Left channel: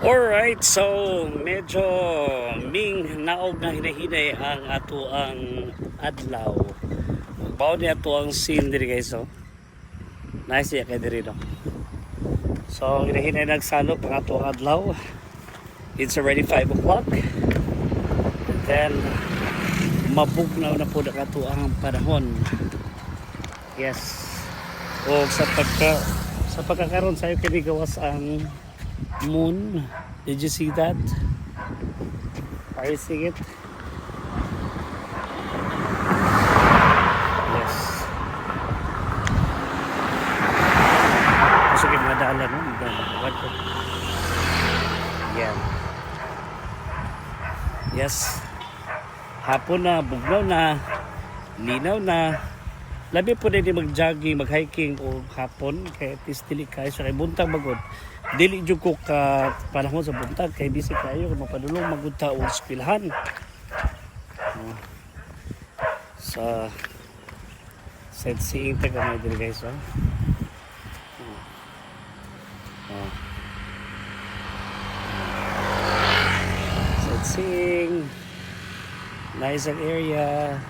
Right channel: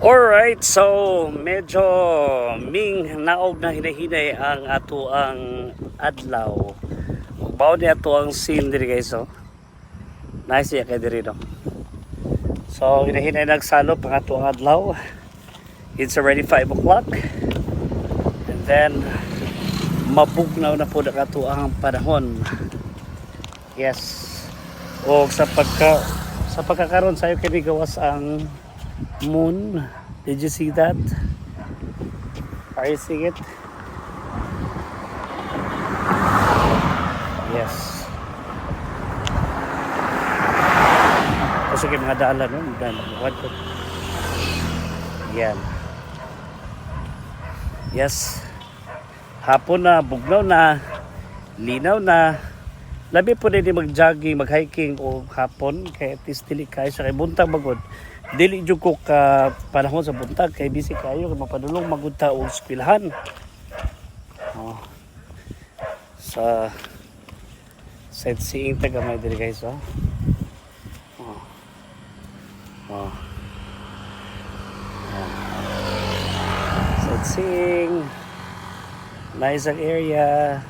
Alright, so medyo ming naog na hinahinay ang ato ang adlaw. Bao ni ato ang scene diri guys, so. Nice ya kay diri no. So hinahinay nagsalop ang ato ang adlaw. It's already 5 o'clock. And then mabugnaw na po na ato ang panahon. Yes. O sa pagkakaroon sayo kini gawas ang moon. Did you see that? Are you seeing it? Yes. Kasi kayo mga daalan, no? Yan. Yes. Hapon na, bugnaw na, linaw na. Labi po din mag-jogging, mag-hiking o hapon. Kaya at least dili kayo sa kay buntag magod. Dili jud ko ka panahon sa buntag kay busy kayo mapadulong magudta og eskwelahan. Sa sightseeing tagamay diri guys, oh. Sightseeing. Nice ang area.